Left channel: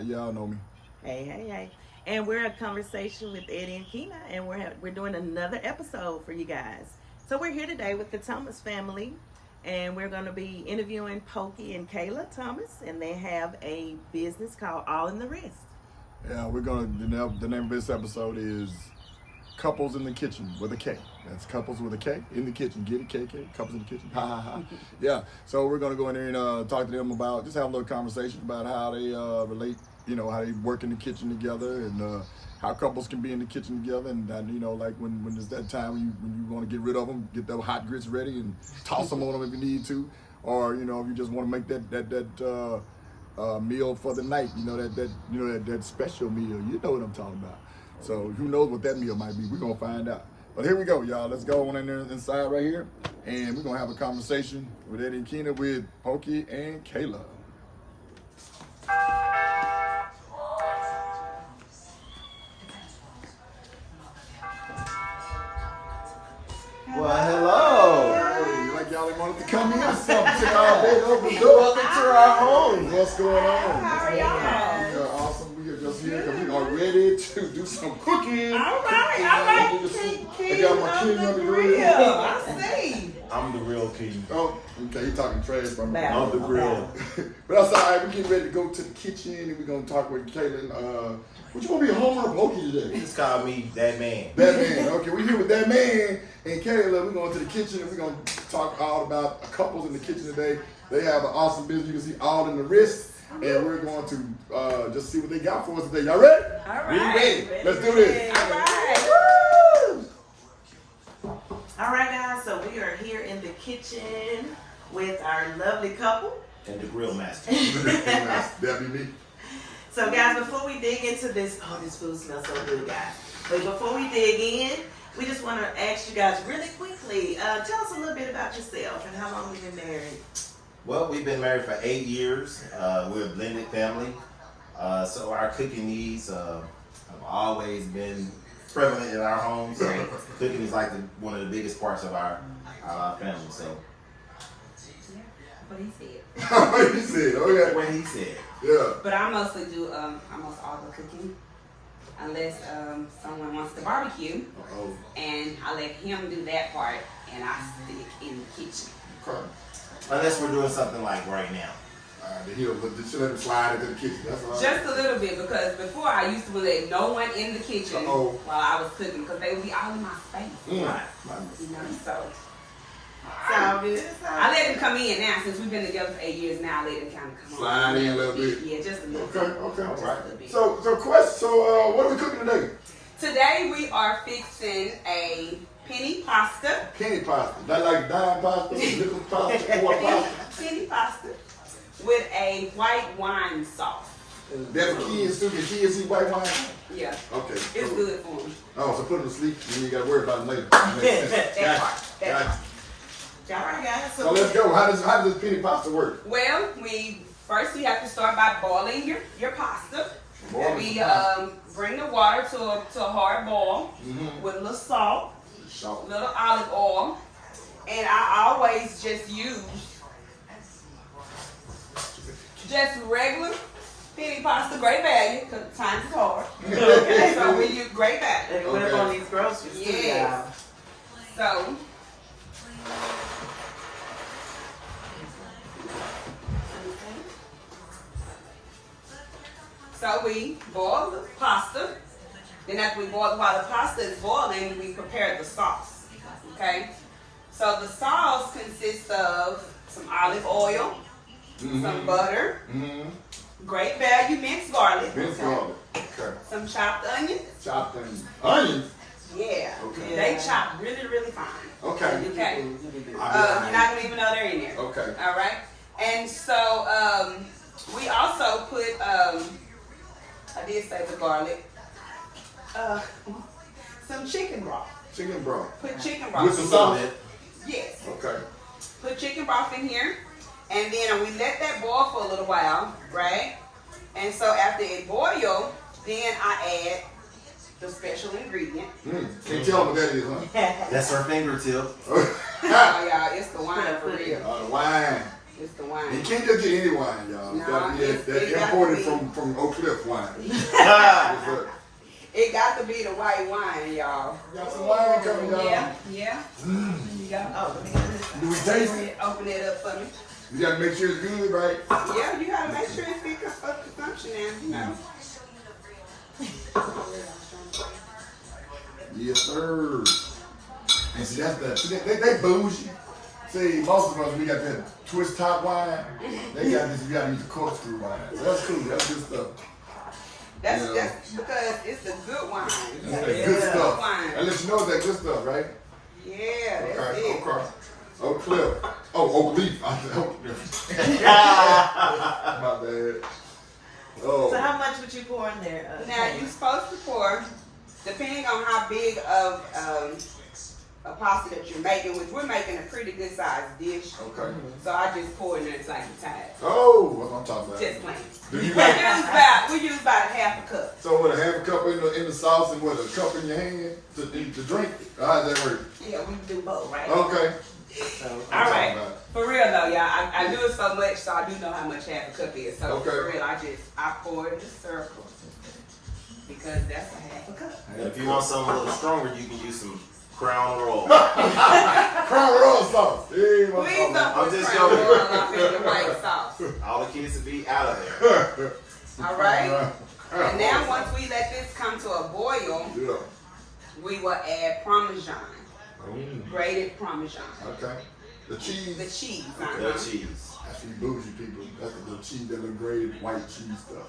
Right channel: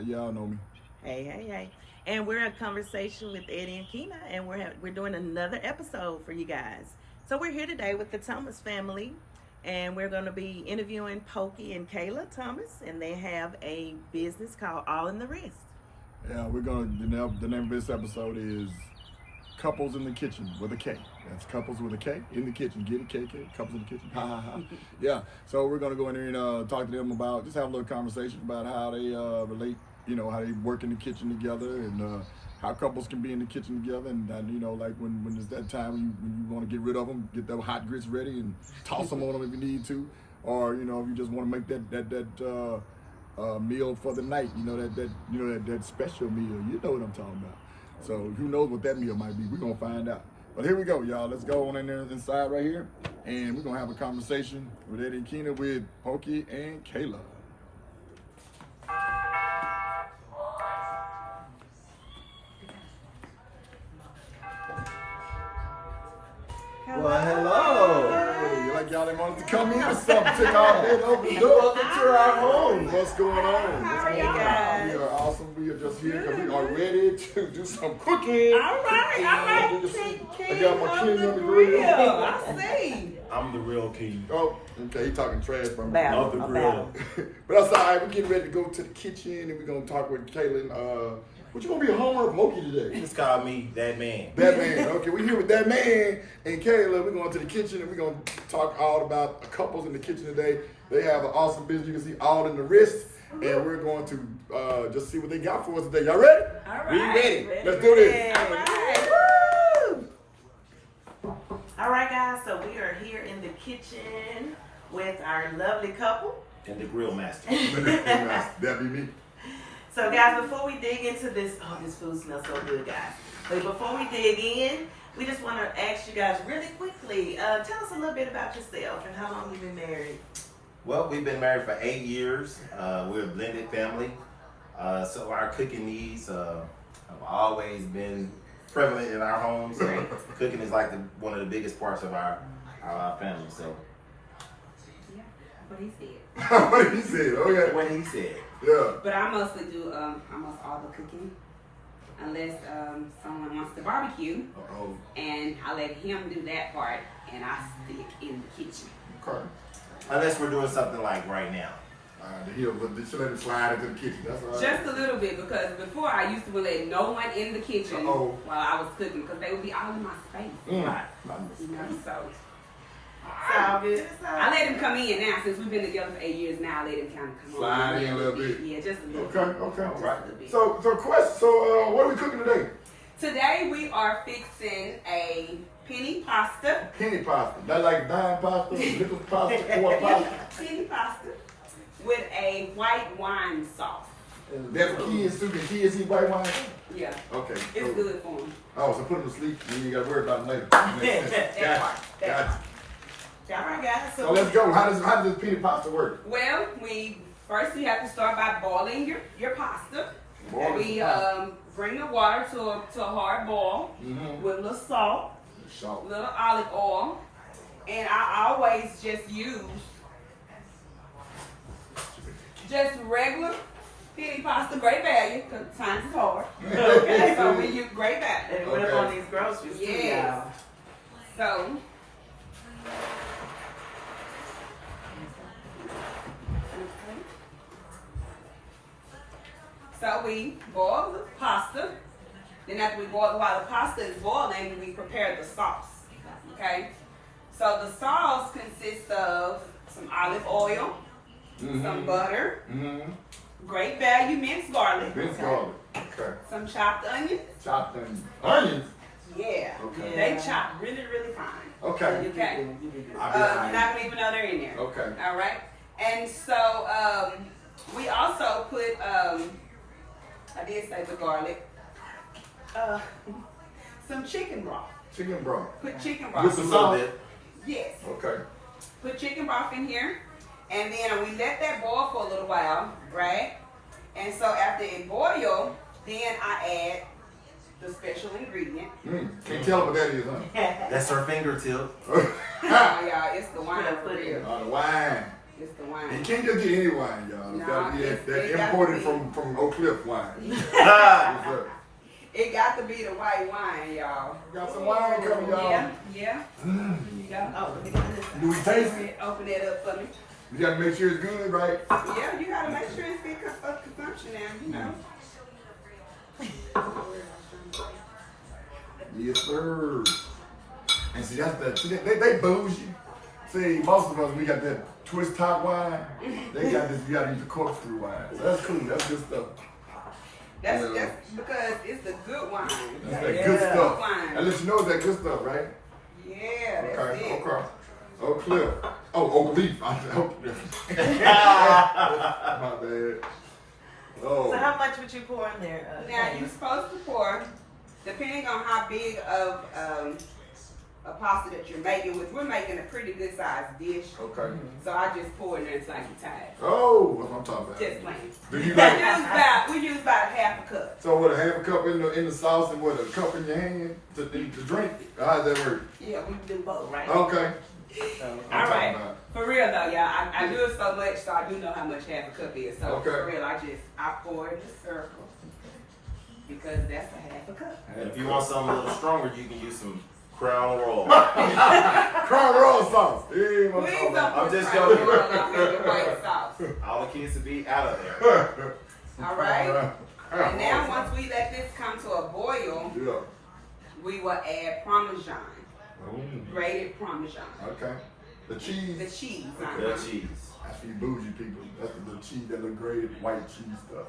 How y'all know me? Hey. And we're at Conversation with Eddie and Kina, and we're doing another episode for you guys. So we're here today with the Thomas family, and we're going to be interviewing Pokey and Kayla Thomas, and they have a business called All in the Wrist. Yeah, the name of this episode is Couples in the Kitchen with a K. That's Couples with a K in the kitchen. Get it, KK? Couples in the kitchen. Ha ha ha. Yeah. So we're gonna go in there and talk to them about, just have a little conversation about how they relate. How they work in the kitchen together, and how couples can be in the kitchen together, and like when there's that time when you want to get rid of them, get the hot grits ready and toss them on them if you need to, or if you just want to make that meal for the night, that special meal. You know what I'm talking about. So who knows what that meal might be? We're gonna find out. But here we go, y'all. Let's go on in there inside right here, and we're gonna have a conversation with Eddie and Kina with Pokey and Kayla. Well, hello. Hey, like y'all wanted to come in or something. Took all day to open the door. Welcome to our home. What's going on? How are you guys? We are awesome. We are just here because we are ready to do some cooking. All right. I got my king on the grill. I see. I'm the real king Oh, okay. He talking trash from me. of the grill. But that's all right. We're getting ready to go to the kitchen, and we're gonna talk with Kaylin. What you gonna be, Homer or Pokey today? Just call me that man. That man. Okay, we're here with that man and Kayla. We're going to the kitchen, and we're going to talk all about couples in the kitchen today. They have an awesome business. You can see All in the Wrist, and we're going to just see what they got for us today. Y'all ready? All right. We ready. Let's do this. All right. Woo! All right, guys. So we are here in the kitchen with our lovely couple. And the grill master. That'd be me. So, guys, before we dig into this, this food smells so good, guys. But before we dig in, we just want to ask you guys really quickly, tell us a little bit about yourself and how long you've been married. Well, we've been married for 8 years. We're a blended family. So our cooking needs have always been prevalent in our home. So cooking is like one of the biggest parts of our family. So. Yeah, what he said. What he said. Okay. What he said. Yeah. But I mostly do almost all the cooking, unless someone wants to barbecue, Uh-oh. and I let him do that part, and I stick in the kitchen. Okay. Unless we're doing something like right now. All right, he'll let him slide into the kitchen. That's all right. Just a little bit, because before I used to let no one in the kitchen Uh-oh. while I was cooking, because they would be all in my space. Right. So Sound good? I let him come in now, since we've been together for 8 years now. I let him kind of come Slide in a little bit. Yeah, just a little Okay, bit. okay. Just a little bit. So what are we cooking today? Today we are fixing a penne pasta. Penne pasta. That like dime pasta, nickel pasta, quart pasta. Penne pasta with a white wine sauce. That's for kids too. Can kids eat white wine? Yeah, Okay. it's good for them. Oh, so put them to sleep and you got to worry about them later. That part. Gotcha. All right, guys. So let's go. How does this penne pasta work? Well, we have to start by boiling your pasta. Boil We the pasta. bring the water to a hard boil Mhm. with a little salt, Salt. a little olive oil, and I always just use just regular penne pasta, great value, because times is hard. Okay, so we use great value. They went up on these groceries too, Yes. y'all. So we boil the pasta. Then after we boil, while the pasta is boiling, we prepare the sauce. Okay? So the sauce consists of some olive oil, some butter, great value minced garlic, Minced garlic. Okay. some chopped onions. Chopped onions. Yeah. Okay. They chop really, really fine. Okay. Okay. You're not gonna even know they're in there. Okay. All right. And so we also put I did say the garlic. Some chicken broth. Chicken broth. Put chicken With broth. some A salt. little bit. Yes. Okay. Put chicken broth in here, and then we let that boil for a little while, right? And so after it boils, then I add the special ingredient. Can you tell them what that is, huh? That's our fingertip. Y'all, it's the wine for real. The wine. It's the You wine. can't just get any wine, y'all. It's No, gotta be it's- that it got imported to be. from Oak Cliff wine. Yes, sir. It got to be the white wine, y'all. Got some wine coming, y'all. Yeah, yeah. There you go. Oh, let me get this. Do we taste it? Open it up for me. We gotta make sure it's good, right? Yeah, you gotta make sure it's fit for consumption now, you know. Yes, sir. And see, that's the see, they bougie. See, most of us we got that twist top wine. They got this. You gotta use the corkscrew wine. So that's cool. That's good stuff. That's Yeah. that's because it's the good wine. That's that good stuff. Wine. I let you know it's that good stuff, right? Yeah, that's Okay, it. okay. Oak Cliff. Oh, Oak Leaf. I said Oak Cliff. My bad. Oh. So how much would you pour in there? Now you're supposed to pour, depending on how big of a pasta that you're making, which we're making a pretty good sized dish. Okay. So I just pour in there until I get tired. Oh, what I'm talking about. Just plain. Do you We like? use about a half a cup. So with a half a cup in the sauce and with a cup in your hand to drink? How does that work? Yeah, we do both, right? Okay. All right. For real though, y'all, I do it so much, so I do know how much half a cup is. So Okay. for real, I pour it in a circle because that's a half a cup. And if you want something a little stronger, you can use some Crown Royal. Crown Royal sauce. Hey, what I'm Please talking don't about. I'm just put Crown joking. Royal up in your white sauce. All the kids will be out of there. All right. And now once we let this come to a boil, Yeah. we will add Parmesan, Mm, grated Parmesan, okay. The cheese. the cheese. Little cheese. I see bougie people. That's the cheese that look great, white cheese stuff.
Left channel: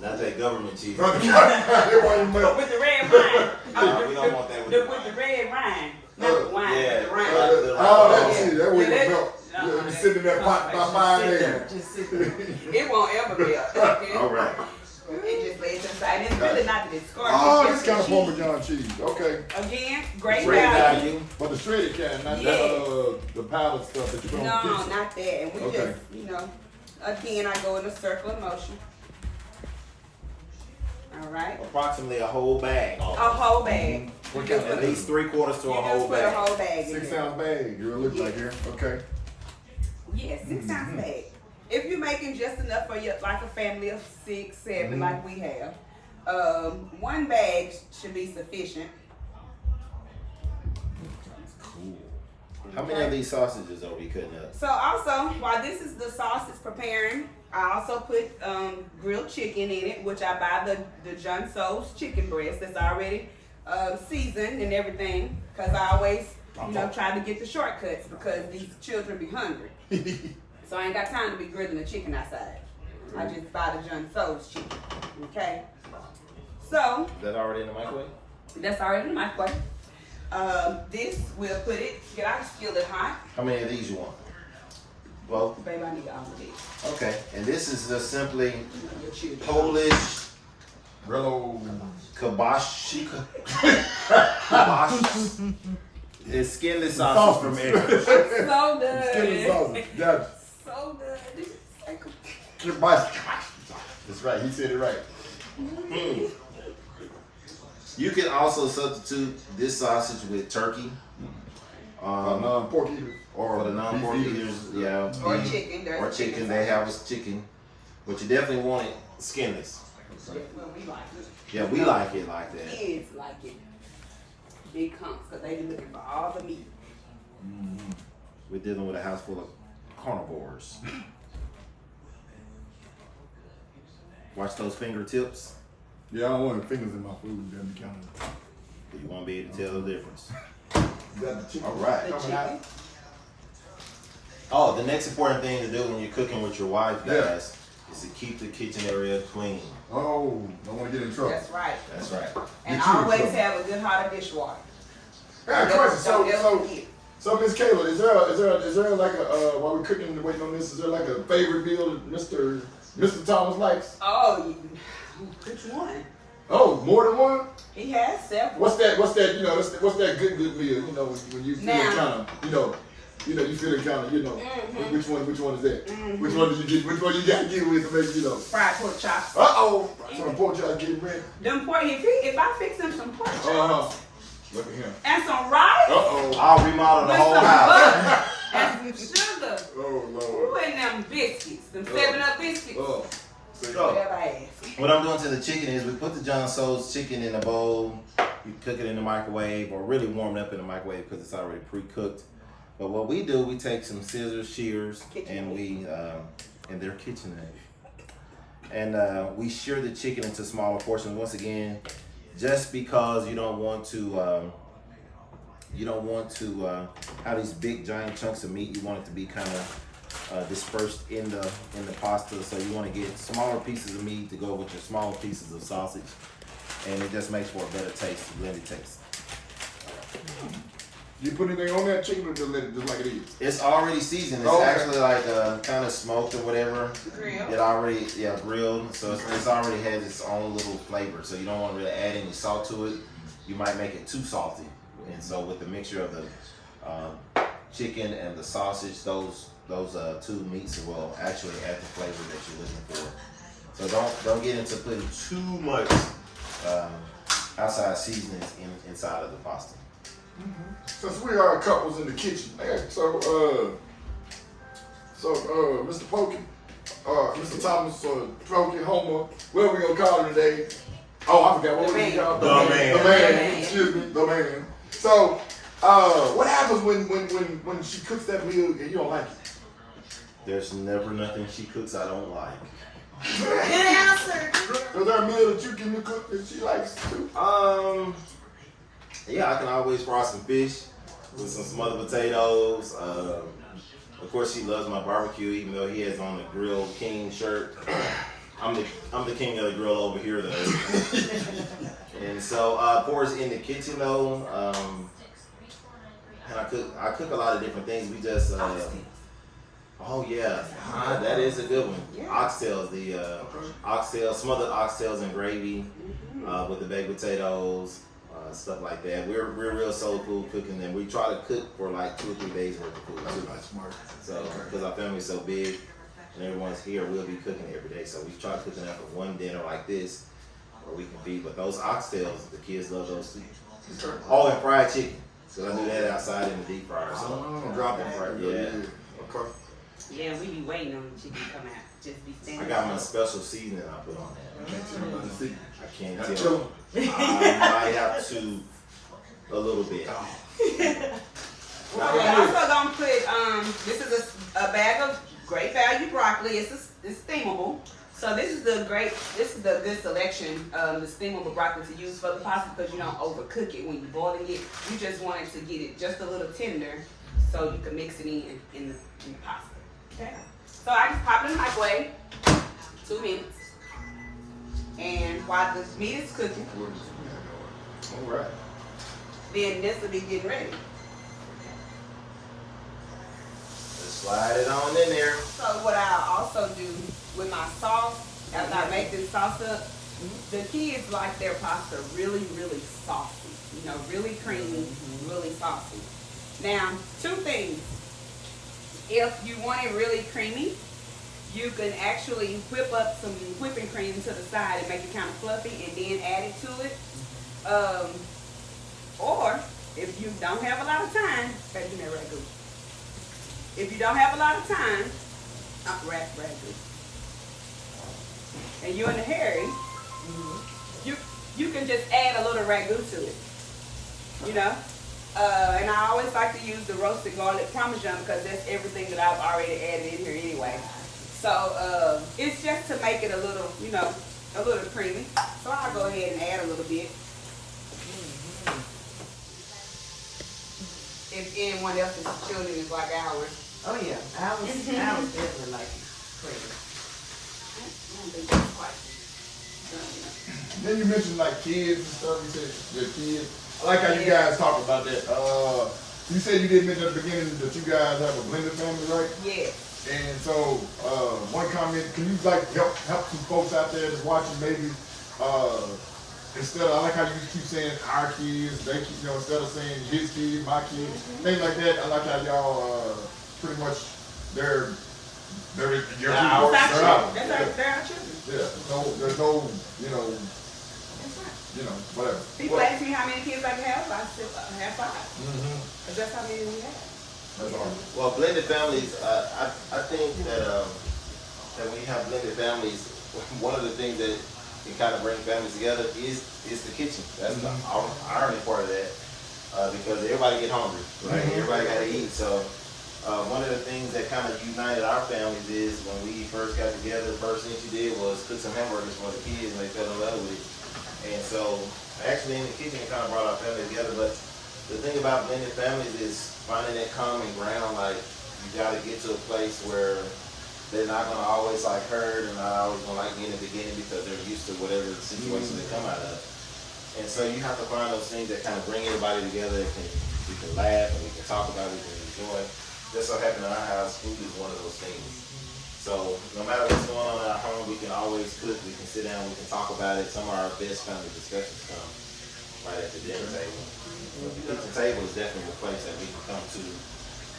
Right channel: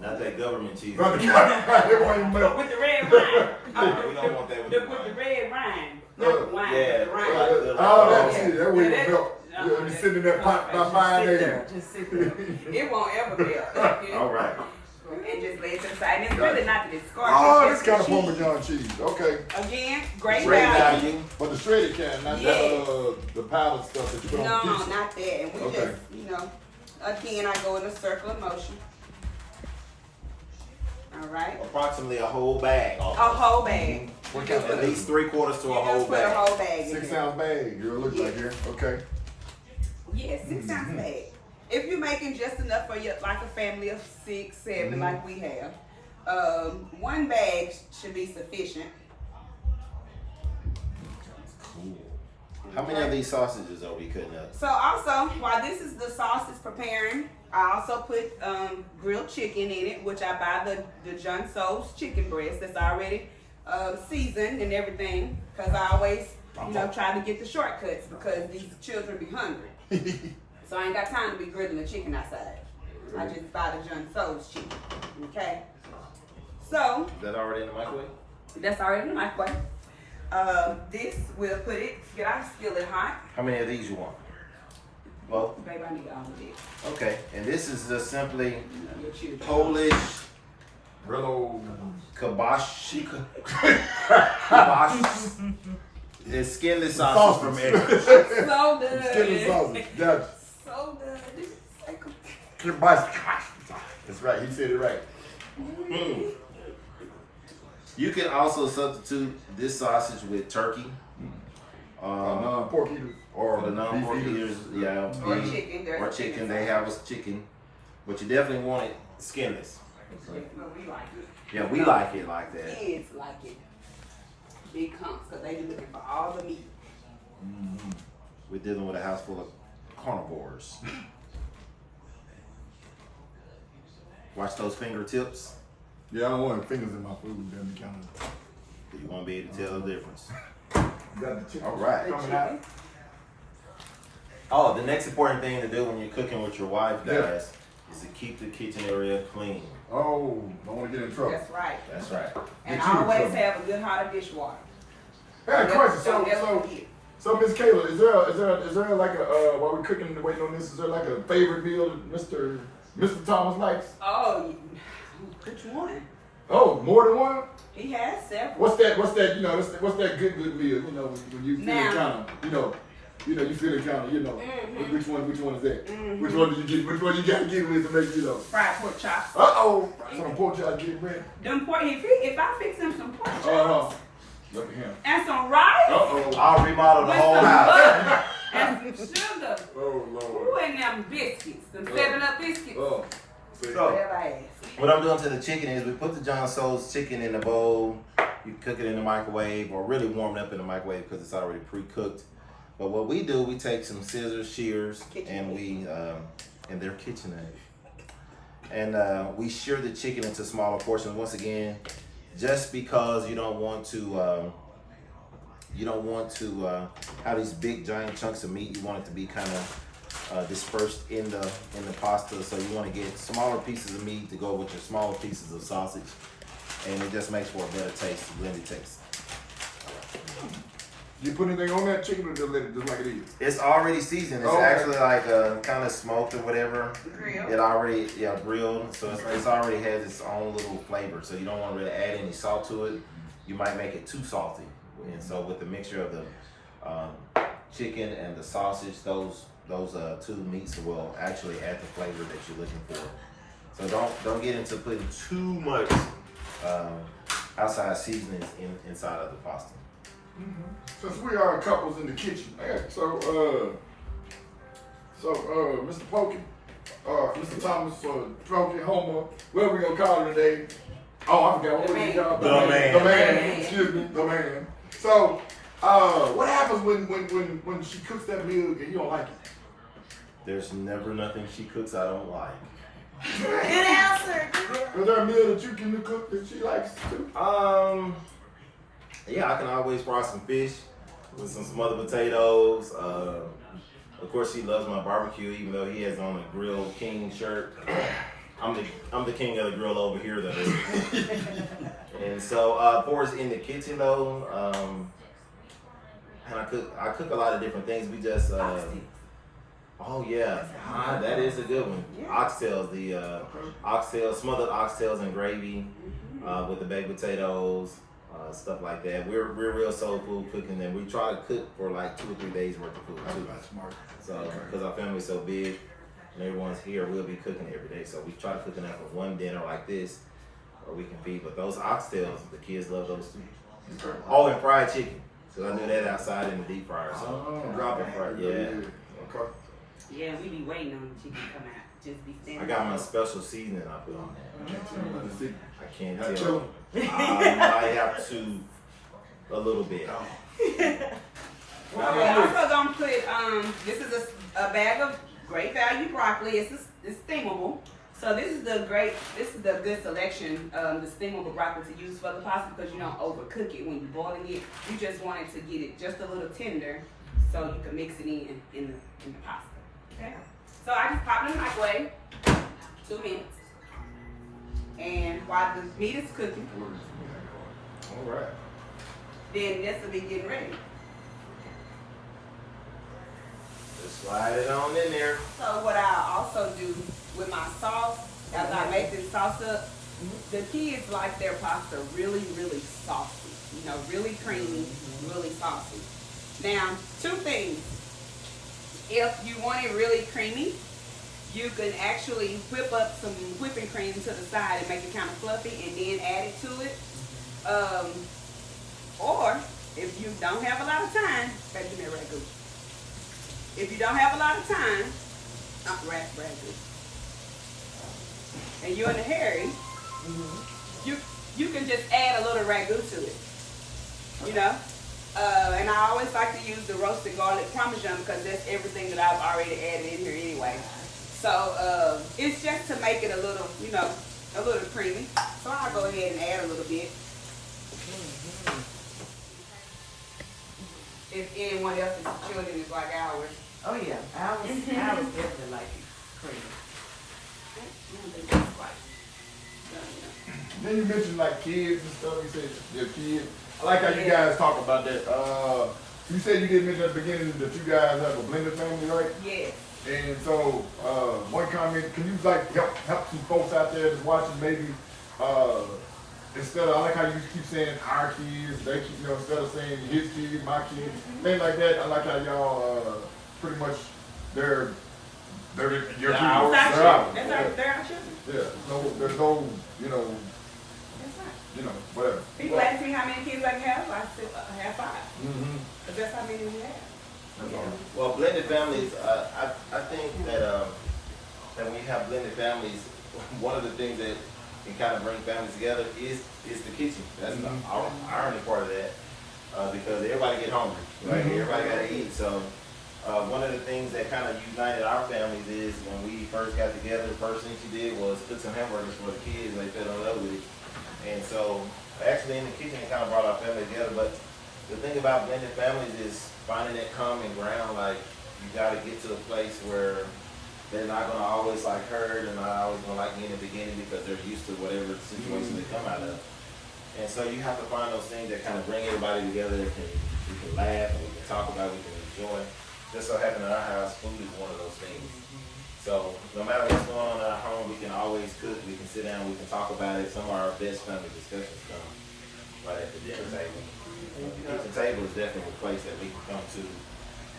Not that government cheese. Right, it won't melt. With the red wine. No, we don't want that with the With the wine. red wine. Not the wine, Yeah. with the wine. Oh, that Yeah. cheese, that way Yeah, it melt. that- Yeah, be sitting in that pot by 5 a.m. Just sit there. It won't ever melt. Okay? All right. It just lays inside. And it's really not that it's scorched. Oh, it's this just kind of the cheese. Parmesan cheese. Okay. Again, great Shredded value. value. But the shredded kind, not Yeah. the powdered stuff that you put on No, pizza. not that. And we Okay. just, again, I go in a circle of motion. All right. Approximately a whole bag. A whole bag. What You kind just At put least 3/4 to you a just whole put a bag. whole bag in 6 there. ounce bag. You look like here. Okay. Yeah, 6 ounce bag. If you're making just enough for your like a family of 6, 7, like we have, 1 bag should be sufficient. Cool. How many of these sausages are we cutting up? So also, while this is the sauce is preparing, I also put grilled chicken in it, which I buy the John Soul's chicken breast that's already seasoned and everything, because I always try to get the shortcuts because these children be hungry. So I ain't got time to be grilling the chicken outside. I just buy the John Soul's chicken. Okay. So Is that already in the microwave? that's already in the microwave. This we'll put it. Get our skillet hot. How many of these you want? Well, Baby, I need all of this. okay. And this is just simply You know, your children. Polish Brillo. kibosh. Kibosh. It's skinless sausage from Aprons. So good. Skinny sausage. Gotcha. So good. This is like That's right. He said it right. Mm. You can also substitute this sausage with turkey. Non-pork eaters. Or For the non-pork beef eaters, yeah. Or beef, chicken. There's Or chicken. They have us chicken. But you definitely want it skinless. Well, we like it. Yeah, we like it like that. Kids like it. Big humps, because they be looking for all the meat. We're dealing with a house full of carnivores. Watch those fingertips. Yeah, I don't want fingers in my food. Then kind of. You want to be able to tell the difference. Got the chicken All right. The coming out. chicken. Oh, the next important thing to do when you're cooking with your wife, Yeah. guys, is to keep the kitchen area clean. Oh, don't want to get in trouble. That's right. That's right. And Get you in always trouble. have a good hot of dishwater. I got a question. Don't ever So, forget. Miss Kayla, is there like a while we're cooking and waiting on this? Is there like a favorite meal that Mr. Thomas likes? Oh, which one? Oh, more than one. He has several. What's that? What's that good meal? You know, when you feel Now. kind of, you feel it kind of, Mhm. which one is that? Mhm. Which one did you get? Which one you got to get with to make, Fried pork chops. Some pork chops getting ready. Them pork. If I fix him some pork chops Look at him. and some rice Uh-oh. I'll remodel the with whole some house. butter and some sugar pasta. Oh, Ooh, Lord. and them biscuits, them 7-Up biscuits. Oh. See? So, Whatever I ask. what I'm doing to the chicken is we put the John Soul's chicken in a bowl. You cook it in the microwave or really warm it up in the microwave because it's already pre-cooked. But what we do, we take some scissors, shears, and we, and they're KitchenAid. And we shear the chicken into smaller portions. Once again, just because you don't want to have these big giant chunks of meat. You want it to be kind of dispersed in the pasta. So you want to get smaller pieces of meat to go with your smaller pieces of sausage, and it just makes for a better taste, blended taste. You put anything on that chicken or just let it just like it is? It's already seasoned. It's Okay. actually like kind of smoked or whatever. Grill. It already, grilled. So it's already has its own little flavor. So you don't want to really add any salt to it. You might make it too salty. And so with the mixture of the chicken and the sausage, those two meats will actually add the flavor that you're looking for. So don't get into putting too much outside seasonings inside of the pasta. Since we are couples in the kitchen, so Mr. Pokey, Mr. Thomas, Pokey, Homer, what we gonna call him today? Oh, I forgot what we call him. The man. The man. Excuse me, the man. So, what happens when she cooks that meal and you don't like it? There's never nothing she cooks I don't like. Good answer. Is there a meal that you can cook that she likes too? Yeah, I can always fry some fish with some smothered potatoes. Of course, she loves my barbecue, even though he has on a Grill King shirt. I'm the king of the grill over here, though. And so, for us in the kitchen, though, and I cook a lot of different things. We just oh yeah, that is a good one. Oxtails, the smothered oxtails and gravy with the baked potatoes. Stuff like that. We're real soul food cooking, and we try to cook for like 2 or 3 days worth of food too. That's smart. So because our family's so big and everyone's here, we'll be cooking every day. So we try to cook enough for one dinner like this, where we can feed. But those oxtails, the kids love those too. Okay. Oh, and fried chicken. So I do that outside in the deep fryer. So Drop it right. Yeah. Okay. Yeah, we be waiting on the chicken to come out. Just be standing. I got my special seasoning I put on that. I can't Got tell. I might have to a little bit. Well, we're also gonna put this is a bag of great value broccoli. It's steamable. So this is the good selection, the steamable broccoli to use for the pasta because you don't overcook it when you're boiling it. You just want it to get it just a little tender so you can mix it in the pasta. Okay. So I just pop it in the microwave, 2 minutes. And while the meat is cooking, All right. then this will be getting ready. Just slide it on in there. So what I also do with my sauce, after I make this sauce up, the kids like their pasta really, really saucy. You know, really creamy, really saucy. Now, 2 things. If you want it really creamy, you can actually whip up some whipping cream to the side and make it kind of fluffy and then add it to it. Or if you don't have a lot of time, baby, give me a ragu. If you don't have a lot of time, ragu. And you're in a hurry, you can just add a little ragu to it. You know? And I always like to use the roasted garlic parmesan because that's everything that I've already added in here anyway. So it's just to make it a little, a little creamy. So I'll go ahead and add a little bit. If anyone else's children is like ours. Oh yeah, I was definitely like crazy. I don't think that's quite done, Then you mentioned like kids and stuff. You said your kids. I like how you guys talk about that. You said you did mention at the beginning that you guys have a blended family, right? Yes. And so, one comment, can you like help some folks out there that's watching maybe, instead of, I like how you keep saying our kids, they keep, instead of saying his kids, my kids, things like that. I like how y'all, pretty much, they're your people. That's They're ours. they're our children. Yeah, there's no, That's right. Whatever. People ask me how many kids I have. I said I have 5. Mm-hmm. But that's how many we have. That's all. Well, blended families, I think that when you have blended families, one of the things that can kind of bring families together is the kitchen. That's the irony part of that, because everybody get hungry, right? Everybody got to eat. So one of the things that kind of united our families is when we first got together, the first thing she did was cook some hamburgers for the kids, and they fell in love with it. And so actually in the kitchen, it kind of brought our family together. But the thing about blended families is finding that common ground. Like, you got to get to a place where they're not going to always like hurt and not always going to like me in the beginning because they're used to whatever situation they come out of. And so you have to find those things that kind of bring everybody together. We can laugh and we can talk about it, we can enjoy. Just so happened in our house, food is one of those things. So no matter what's going on in our home, we can always cook, we can sit down, we can talk about it. Some of our best family discussions come right at the dinner table. The kitchen table is definitely a place that we can come to,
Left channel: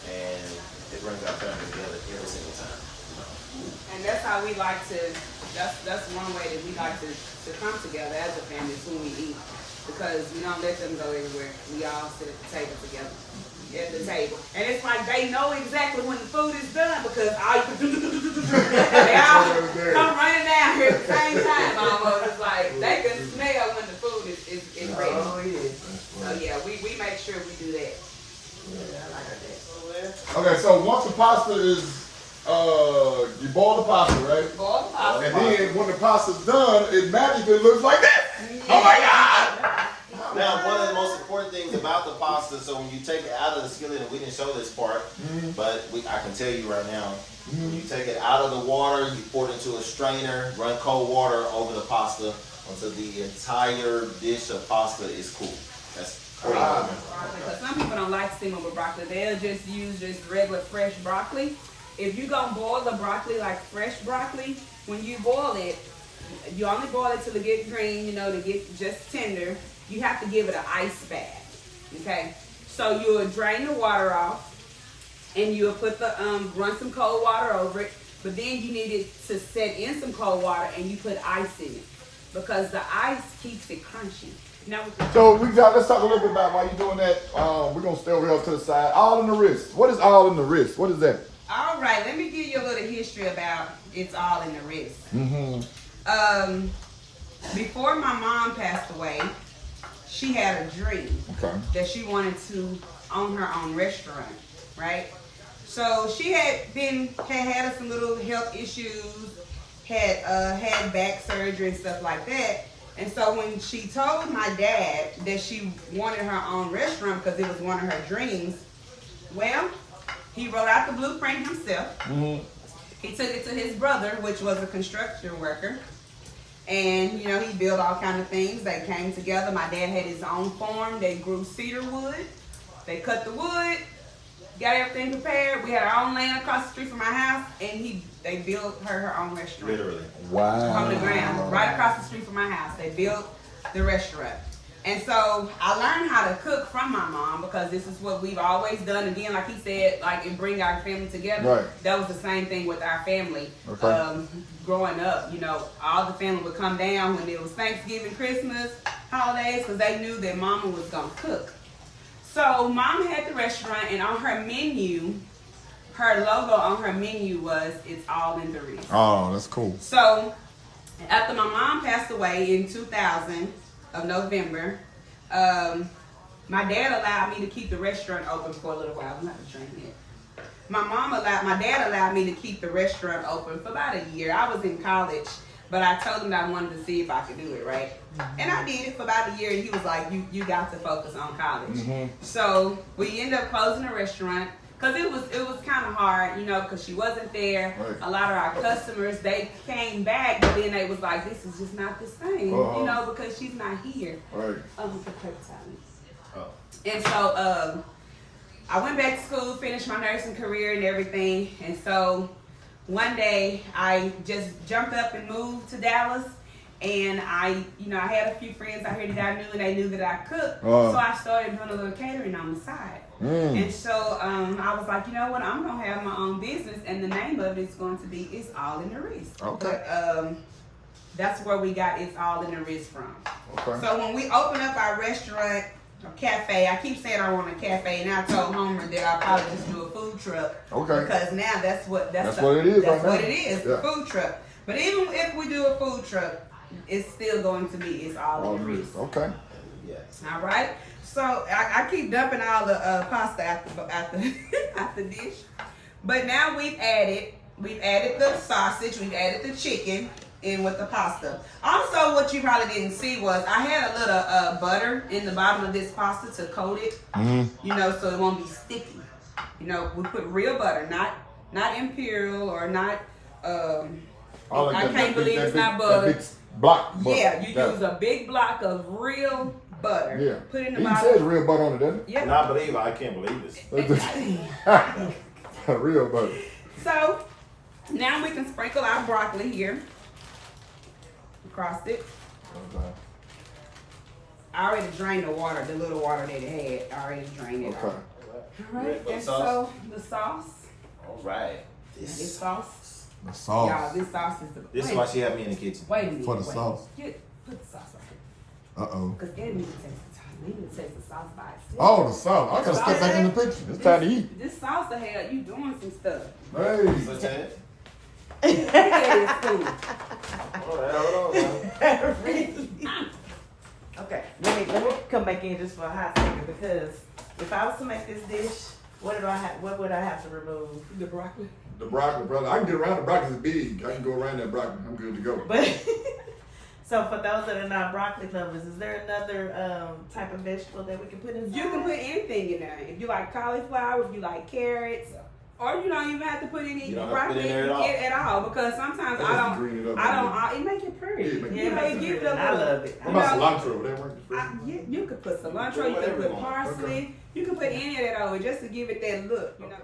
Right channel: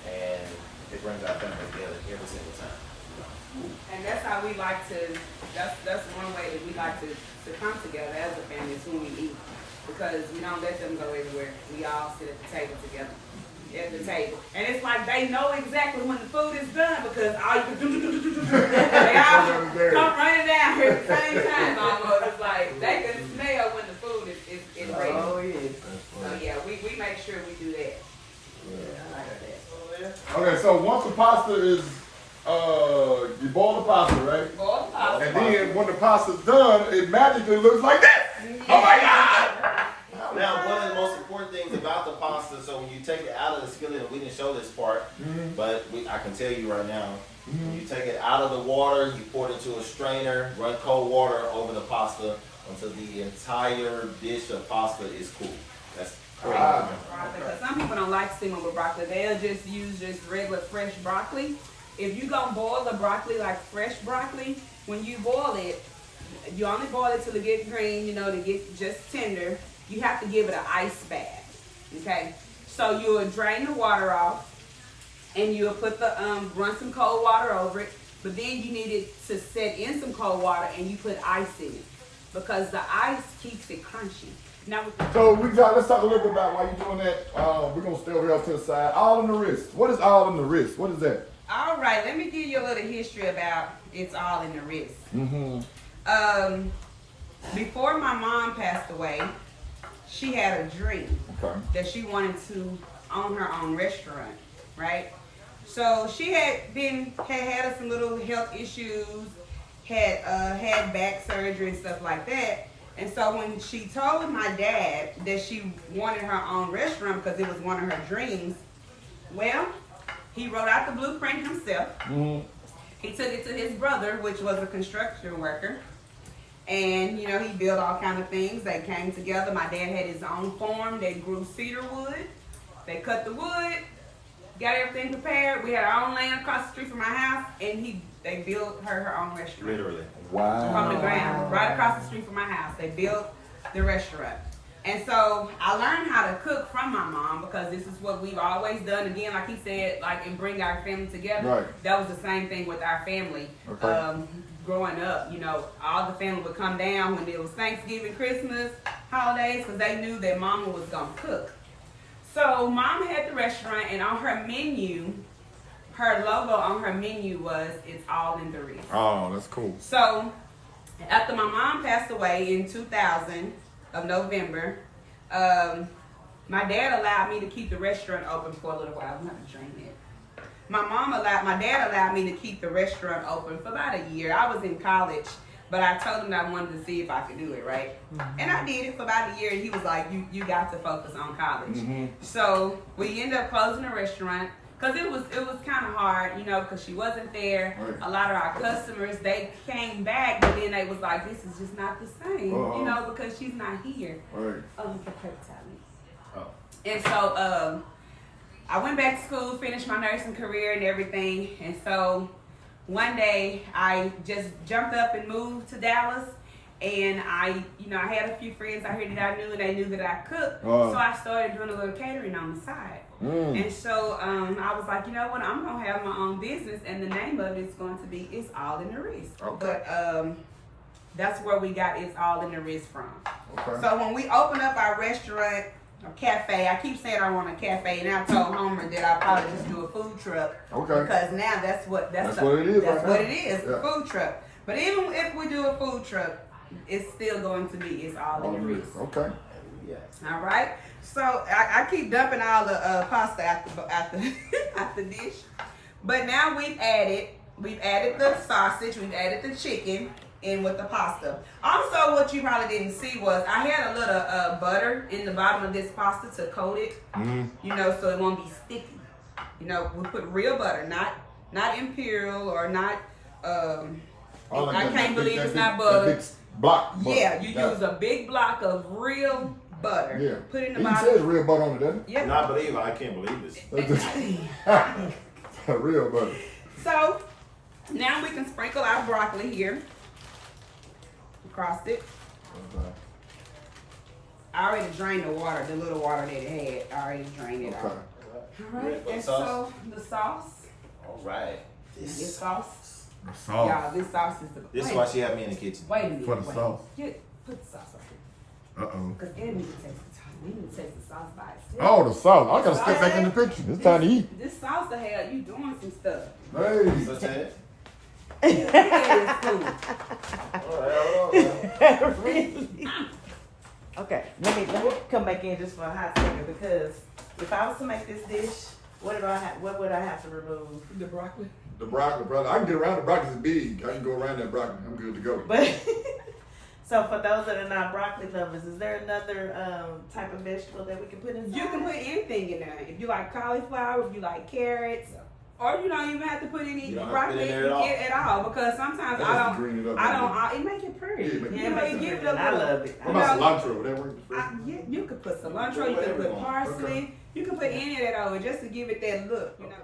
and it brings our family together every single time. And that's how we like to, that's one way that we like to come together as a family is when we eat. Because we don't let them go everywhere. We all sit at the table together. At the table. And it's like they know exactly when the food is done because all you can do, they all come running down here at the same time almost. It's like they can smell when the food is ready. Oh, yeah. So yeah, we make sure we do that. Yeah, I like that. Okay, so once the pasta is, you boil the pasta, right? Boil the pasta. And then when the pasta's done, it magically looks like that. Oh my God! Now, one of the most important things about the pasta, so when you take it out of the skillet, and we didn't show this part, but I can tell you right now, when you take it out of the water, you pour it into a strainer, run cold water over the pasta until the entire dish of pasta is cool. That's crazy. Because some people don't like steaming with broccoli. They'll just use just regular fresh broccoli. If you're going to boil the broccoli like fresh broccoli, when you boil it, you only boil it till it get green, to get just tender. You have to give it an ice bath, okay? So you'll drain the water off, and you'll put run some cold water over it, but then you need it to set in some cold water, and you put ice in it, because the ice keeps it crunchy. Now, So let's talk a little bit about why you're doing that. We're going to stay over here to the side. All in the wrist. What is all in the wrist? What is that? all right, let me give you a little history about It's All in the Wrist. Before my mom passed away, she had a dream that she wanted to own her own restaurant, right? So she had had some little health issues, had back surgery and stuff like that. And so when she told my dad that she wanted her own restaurant because it was one of her dreams, well, he wrote out the blueprint himself. He took it to his brother, which was a construction worker. And, you know, he built all kind of things. They came together. My dad had his own farm. They grew cedar wood. They cut the wood, got everything prepared. We had our own land across the street from my house, and they built her own restaurant. Literally. Wow. From the ground, right across the street from my house. They built the restaurant. And so I learned how to cook from my mom because this is what we've always done. Again, like he said, and bring our family together. Right. That was the same thing with our family. Okay. Growing up, you know, all the family would come down when it was Thanksgiving, Christmas, holidays, because they knew that mama was going to cook. So mom had the restaurant, and on her menu, her logo on her menu was It's All in the Wrist. Oh, that's cool. So after my mom passed away in 2000 of November, my dad allowed me to keep the restaurant open for a little while. I'm not to drink it. My dad allowed me to keep the restaurant open for about a year. I was in college, but I told him that I wanted to see if I could do it, right? And I did it for about a year, and he was like, you got to focus on college. So we ended up closing the restaurant because it was kind of hard, you know, because she wasn't there. Right. A lot of our customers, they came back, but then they was like, this is just not the same, you know, because she's not here. Right. And so I went back to school, finished my nursing career and everything. And so one day I just jumped up and moved to Dallas. And I had a few friends out here that I knew, and they knew that I cooked. So I started doing a little catering on the side. And so I was like, you know what, I'm going to have my own business, and the name of it is going to be It's All in the Wrist. But that's where we got It's All in the Wrist from. So when we opened up our restaurant a cafe. I keep saying I want a cafe, and I told Homer that I'll probably just do a food truck. Okay. Because now that's what it is. Right What now. it is, Yeah. a food truck. But even if we do a food truck, it's still going to be, it's all in the wrist. Okay. Yes. All right. So I keep dumping all the pasta at the dish. But now we've added the sausage, we've added the chicken in with the pasta. Also, what you probably didn't see was I had a little butter in the bottom of this pasta to coat it, you know, so it won't be sticky. You know, we put real butter, not imperial or not. I can't believe it's not butter. Block. Yeah, you use a big block of real butter. Yeah. Put in the He bottom. says real butter on it, doesn't Yeah. Not believe I can't believe this. Real butter. So now we can sprinkle our broccoli here across it. Okay. I already drained the water, the little water that it had. I already drained it Okay. off. All Ready right, for the and sauce? so the sauce. All right. This sauce. The sauce. Y'all, this sauce is the. This is why she had me in the kitchen. Wait a minute. For the wait. sauce. Put the sauce on here. Uh-oh. Because Eddie needs to taste the sauce. We need to taste the sauce by itself. Oh, the sauce. I gotta step back in the picture. It's time to eat. This sauce the hell, you doing some stuff. Hey. So, Chad? Look at this food. All right, hold on now. Okay, let me come back in just for a hot second because if I was to make this dish, what would I have to remove? The broccoli. The broccoli, brother. I can get around the broccoli. It's big. I can go around that broccoli. I'm good to go. But so for those that are not broccoli lovers, is there another type of vegetable that we can put inside? You can put anything in there. If you like cauliflower, if you like carrots, or you don't even have to put any You don't have to put broccoli it in there at all because sometimes That I just green it don't. up. It make it pretty. Yeah, it make it Yeah, You know, it it give it a I little. love it. What about cilantro? Would that work? Yeah, you could put cilantro. You could Whatever you put want. parsley. Okay. You can put any of that over just to give it that look. You know.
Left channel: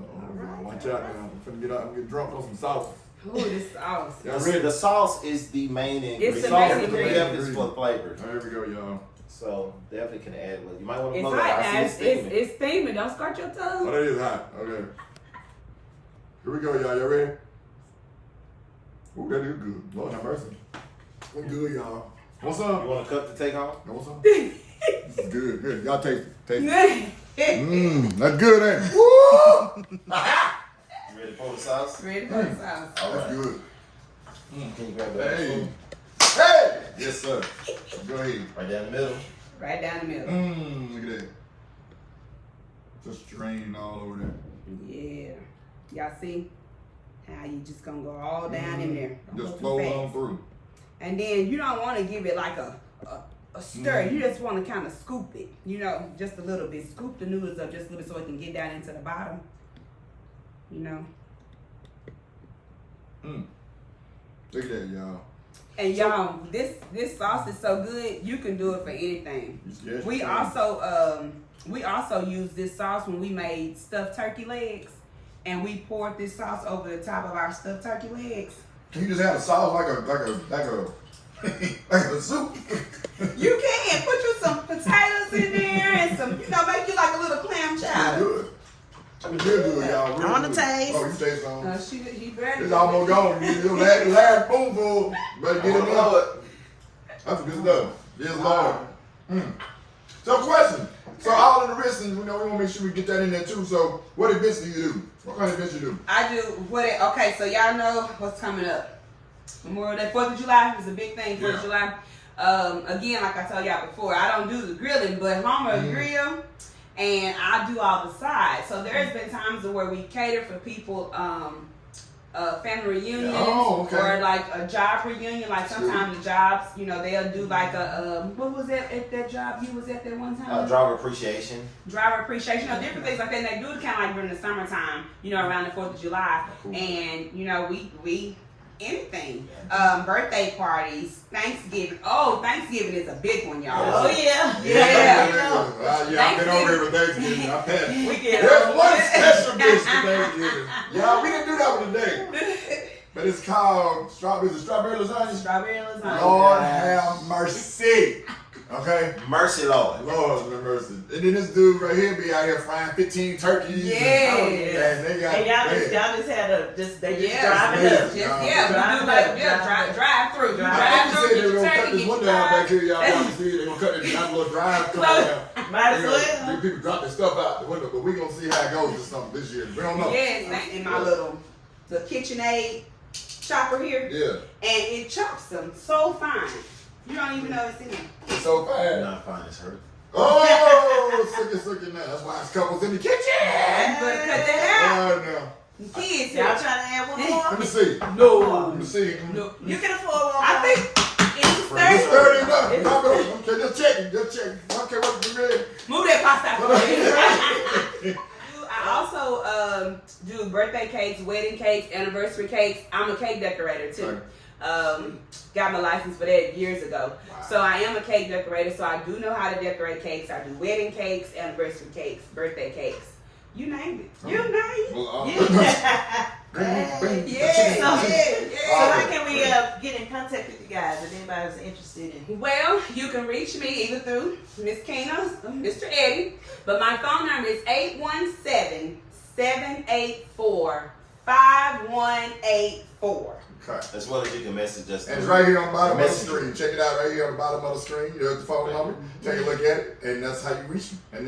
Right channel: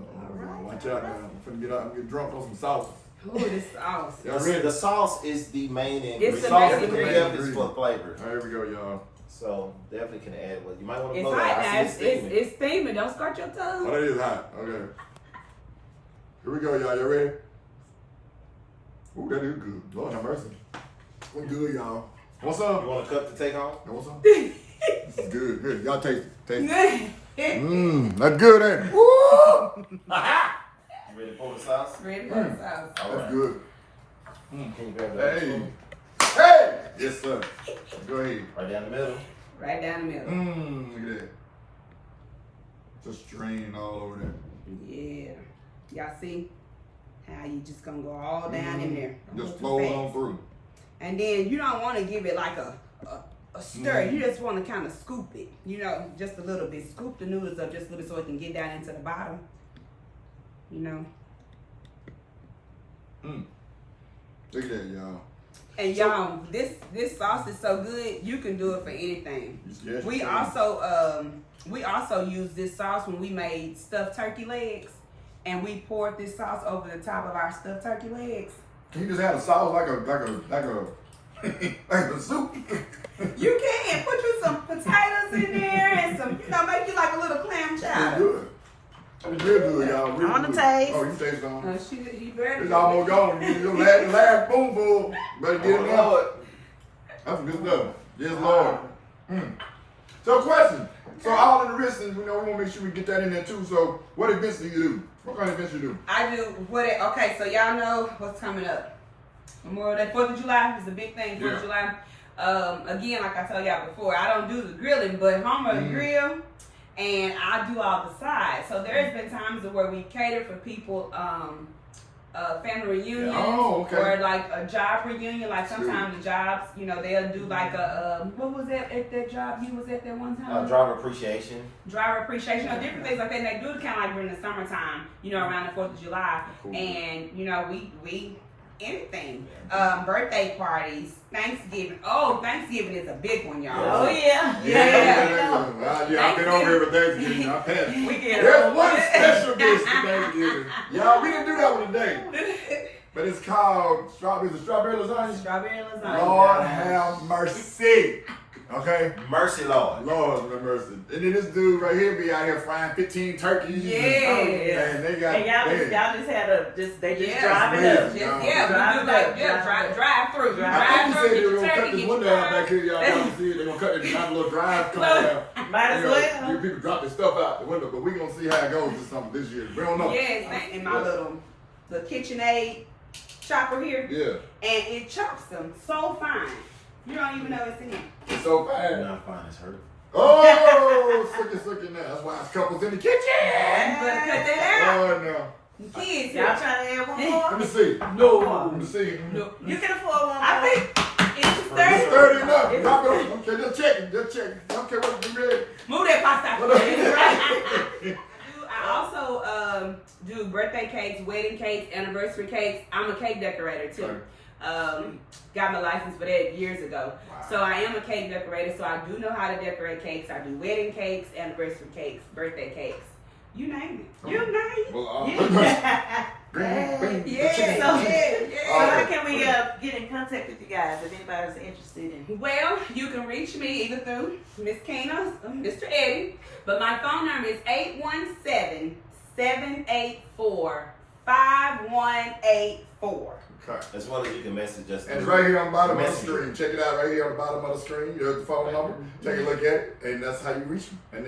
Uh-oh. Watch out now. I'm finna get out and get drunk on some sauce. Oh, this sauce. Y'all ready? The sauce is the main ingredient. It's the main The ingredient. depth is for flavor. There we go, y'all. So definitely can add. Well, you might want to It's blow hot that. now. I see it steaming. It's steaming. Don't scorch your Oh, tongue. that is hot. Okay. Here we go, y'all. Y'all ready? Ooh, that is good. Lord have mercy. We're good, y'all. Want some? You want a cup to take home? You want some? This is good. Here, y'all taste it. Taste it. That's good, ain't it? Woo! You ready for the sauce? Ready for the sauce. All That's right. good. Can you grab that Hey. spoon? Hey! Yes, sir. Go ahead. Right down the middle. Right down the middle. Look at that. Just draining all over there. Yeah. Y'all see how you just gonna go all down in there. Don't Just go too flow fast. on through. And then you don't want to give it like a stir. You just want to kind of scoop it, you know, just a little bit. Scoop the noodles up just a little bit so it can get down into the bottom, you know. Look at that, y'all. And y'all, this sauce is so good. You can do it for anything. Yes, We you can. also used this sauce when we made stuffed turkey legs, and we poured this sauce over the top of our stuffed turkey legs. Can you just have a sauce like a like a soup? You can put you some potatoes in there and some, make you like a little clam It's chowder. good. It's real good, y'all. Real I wanna good. taste. Oh, you taste on. He very It's almost gone. You last spoonful. Better get it out. That's good stuff. Yes, Lord. So, question. So, all in the wrist, and we want to make sure we get that in there too. So, what events do you do? What kind of events you do? I do okay, so y'all know what's coming up. Memorial Day, 4th of July is a big thing, 4th of July. Again, like I told y'all before, I don't do the grilling, but Homer grill, and I do all the sides. So there's been times where we cater for people, family reunions, Oh, okay. or like a job reunion. Like sometimes the jobs, they'll do like a, what was that at that job you was at that one time? Driver appreciation. Driver appreciation, different things like that. And they do it kind of like during the summertime, around the 4th of July. Cool. And, we anything. Birthday parties, Thanksgiving. Oh, Thanksgiving is a big one, y'all. Oh yeah. Yeah, I've been over here with Thanksgiving. I passed. We get There's one special dish for Thanksgiving. Y'all, we didn't do that one today. But it's called strawberry lasagna. Strawberry lasagna. Lord have mercy. Okay? Mercy, Lord. Lord have mercy. And then this dude right here be out here frying 15 turkeys. Yeah. And they got And y'all just had they just drive it up. amazing. We do like drive through. I think Drive you through, said they were get gonna your cut turkey, this get window your out back fries. here, y'all. Y'all see it? They're gonna cut it, have a little drive coming down. Might as well. People drop their stuff out the window, but we're gonna see how it goes this year. We don't know. Yes, in my little KitchenAid chopper here. Yeah. And it chops them so fine. You don't even know it's in there. It's so fast. Not fine as hurt. Oh, suck it now. That's why it's couples in the kitchen. You better cut that out. Oh, no. Kids, Y'all trying to add one more? Let me see. No. Let me see. No. You can afford one more. I think it's 30. It's 30 enough. Okay, just checking. Okay, what you mean? Move that pasta out. I also do birthday cakes, wedding cakes, anniversary cakes. I'm a cake decorator too. Got my license for that years ago. Wow. So I am a cake decorator, so I do know how to decorate cakes. I do wedding cakes, anniversary cakes, birthday cakes. You named it. You named it. Well, So how can we get in contact with you guys if anybody's interested in? Well, you can reach me either through Miss Kina, Mr. Eddie, but my phone number is 817-784-5184. Okay. As well as you can message us. And it's right here on the bottom of the screen. Check it out right here on the bottom of the screen. There's the phone number. Take a look at it, and that's how you reach me. And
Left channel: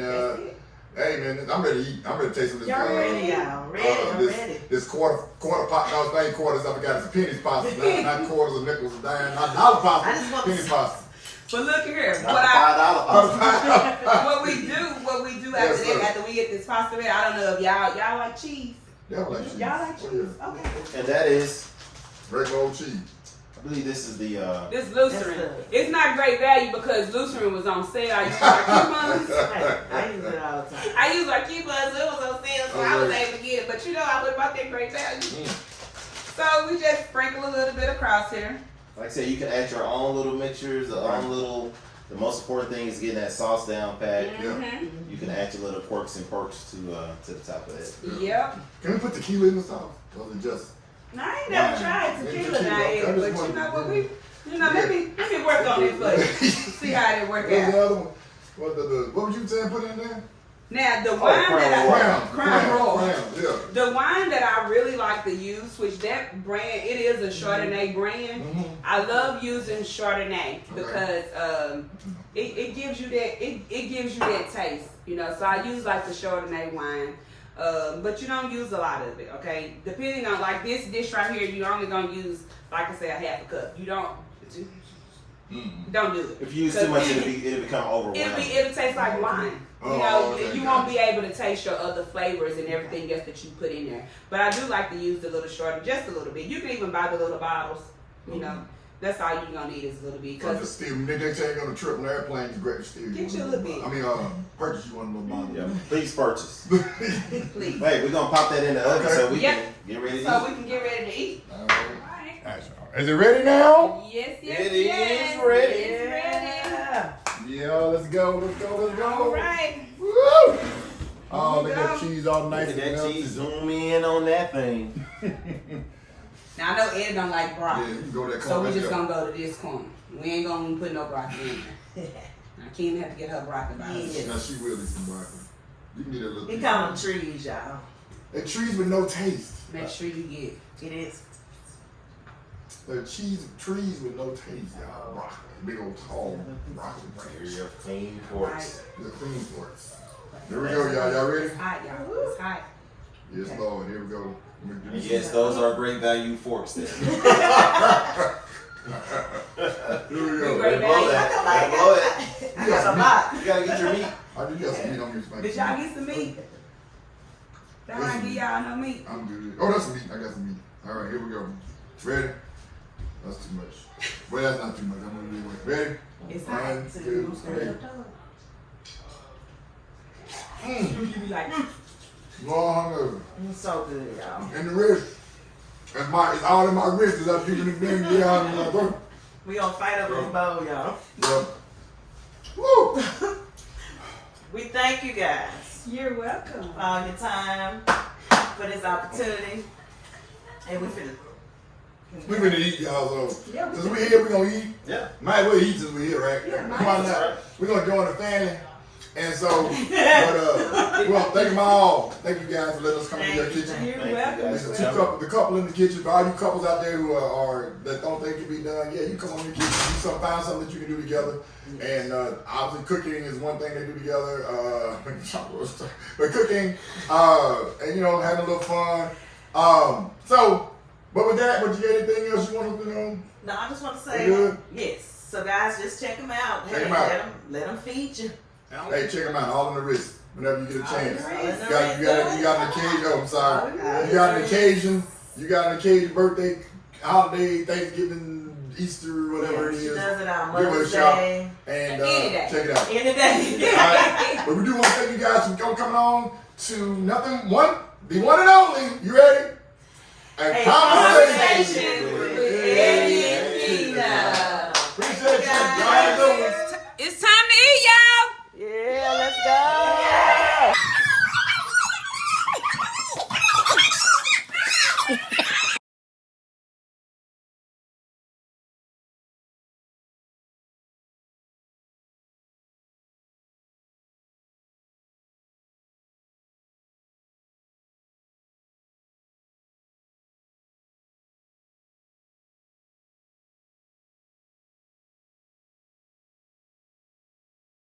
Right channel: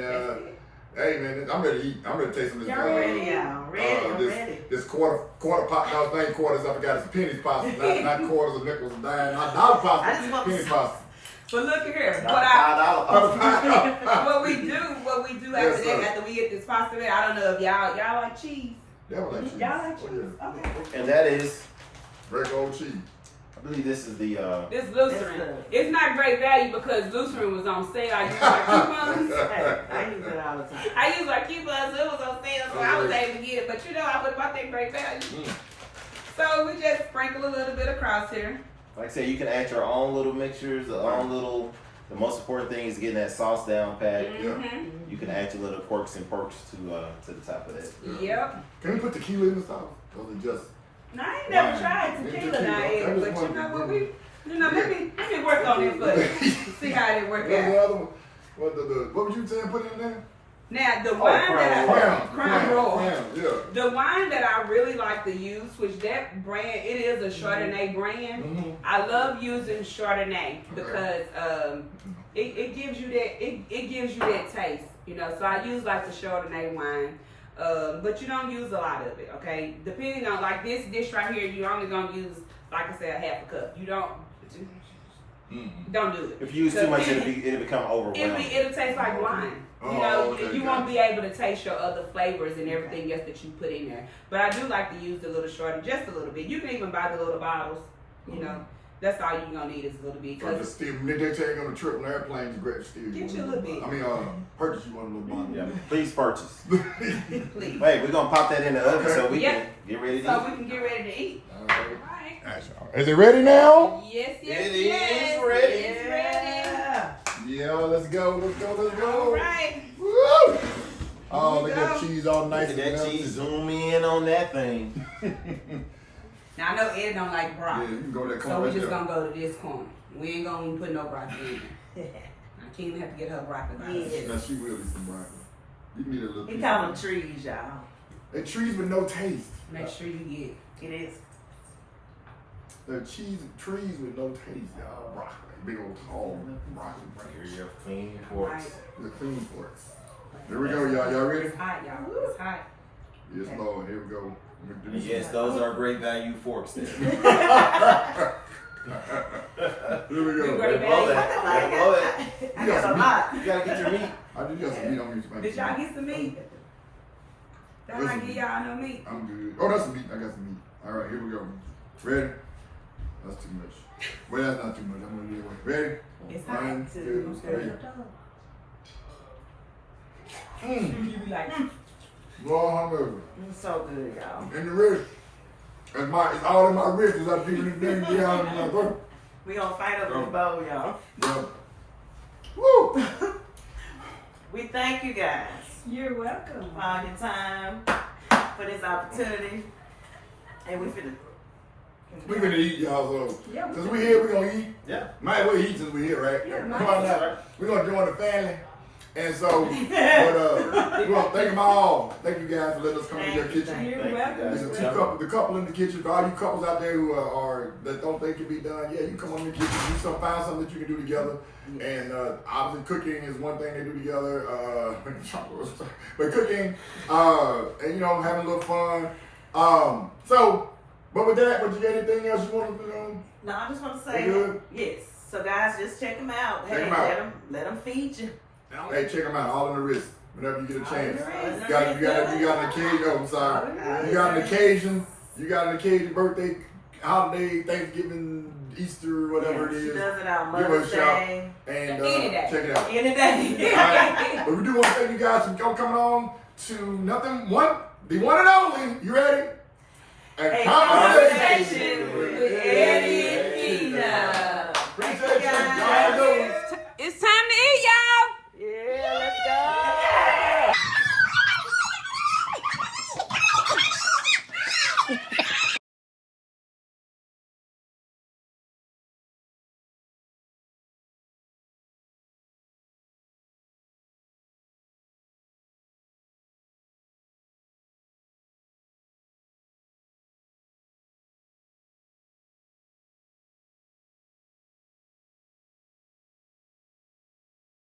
hey man, I'm ready to eat. I'm ready to taste some of this. Y'all ready, y'all? Ready. This quarter pot. No, it's not quarters. I forgot. It's pennies pasta. Not quarters or nickels or dimes. Not dollar pasta. I just want penny pasta. But look at here, Not $5. what we do after Yes, that, after we get this pasta ready, I don't know if y'all like cheese. Y'all like cheese. Y'all like Oh, cheese? yeah. Okay. And that is, Regular old cheese. I believe this is the, This Lutheran. It's not great value because Lutheran was on sale. I used my coupons. Hey, I use it all the time. I used my coupons. It was on sale, so I was able to get it. But you know, I would about that great value. So we just sprinkle a little bit across here. like I said, you can add your own little mixtures, the most important thing is getting that sauce down pat. Mm-hmm. You can add your little quirks and perks to the top of that. Yep. Can we put tequila in the sauce? Or is it just? No, I ain't never tried tequila now, but you know what let me work on it for you. See how it work What's out. the other one? What was you saying? Put in there? Now the wine Crown Royal. Yeah. The wine that I really like to use, which that brand, it is a Chardonnay brand. Mm-hmm. I love using Chardonnay because it gives you that it gives you that taste, you know. So I use like the Chardonnay wine, but you don't use a lot of it, okay? Depending on like this dish right here, you're only gonna use, like I said, a half a cup. You don't do it. If you use too much, it'll become overwhelming. It'll taste like wine. You know, you won't be able to taste your other flavors and everything else that you put in there. But I do like to use the little Chardonnay, just a little bit. You can even buy the little bottles. You know, that's all you're gonna need is a little bit. Cause just steal. They take on a trip on the airplane. It's great to steal. Get you a little bit. I mean, purchase you one little bottle. Yeah, please purchase. Please. Hey, we're gonna pop that in the oven so we can get ready to So eat. we can get ready to eat. All All right. right. That's all right. Is it ready now? Yes, It is ready. It's ready. Yeah, let's go. All right. Woo! Oh, Here we look at that go. cheese all nice Look at and that melted. cheese. Zoom in on that thing. Now I know Ed don't like Yeah, broccoli. you can go to that So corner we right just there. gonna go to this corner. We ain't gonna put no broccoli in there. Now Kim have to get her broccoli by herself. Yes. Now she will eat some broccoli. You can get a little He piece. call them trees, y'all. They're trees with no taste. Make sure you get. It is. They're trees with no taste, y'all. Broccoli. Big old tall broccoli. Here you go. Clean forks. The clean forks. Here we go, y'all. Y'all ready? It's hot, y'all. It's hot. Yes, Lord. Here we go. And yes, those are great value forks there. Here we go. Great Blow that. Blow it. I got a lot. You gotta get your meat. I do got some meat on me. Did y'all get some meat? Don't I give y'all no meat? I'm good. Oh, that's some meat. I got some meat. All right, here we go. Ready? That's too much. Well, that's not too much. I'm gonna do it. Ready? It's hot. 1, 2, 3. You be like, Lord, hungover. It's so good, y'all. And the wrist. It's all in my wrist as I'm keeping the thing down in my throat. We gonna fight over this bowl, y'all. Yeah. Woo! We thank you guys you're welcome. for all your time, for this opportunity. And we finna. We gonna eat, y'all, so. Yeah, we Since we here, we gonna eat. Yeah. Might as well eat since we here, right? Yeah, Come on now. We're gonna join the family. And so, but we want to thank them all. Thank you guys for letting us come into your kitchen. You're Thank you, welcome. guys. There's the couple in the kitchen. For all you couples out there who are that don't think it can be done, yeah, you come on in the kitchen, find something that you can do together. And obviously, cooking is one thing they do together. But cooking, and you know, having a little fun. But with that, you got anything else you want to do? No, I just want to We say, good? yes. So guys, just check them out. Check Hey, 'em out. let them feed you. Hey, check them out. All in the wrist. Whenever you get a All chance. in the wrist. You got an occasion. Oh, I'm sorry. All in the wrist. You got an occasion. You got an occasion, birthday, holiday, Thanksgiving, Easter, whatever it She is. does it on Give her a Mother's shout Day. and Any day. check it out. Any day. All right. But we do want to thank you guys for coming on to the one and only. You ready? A A conversation conversation with with Eddie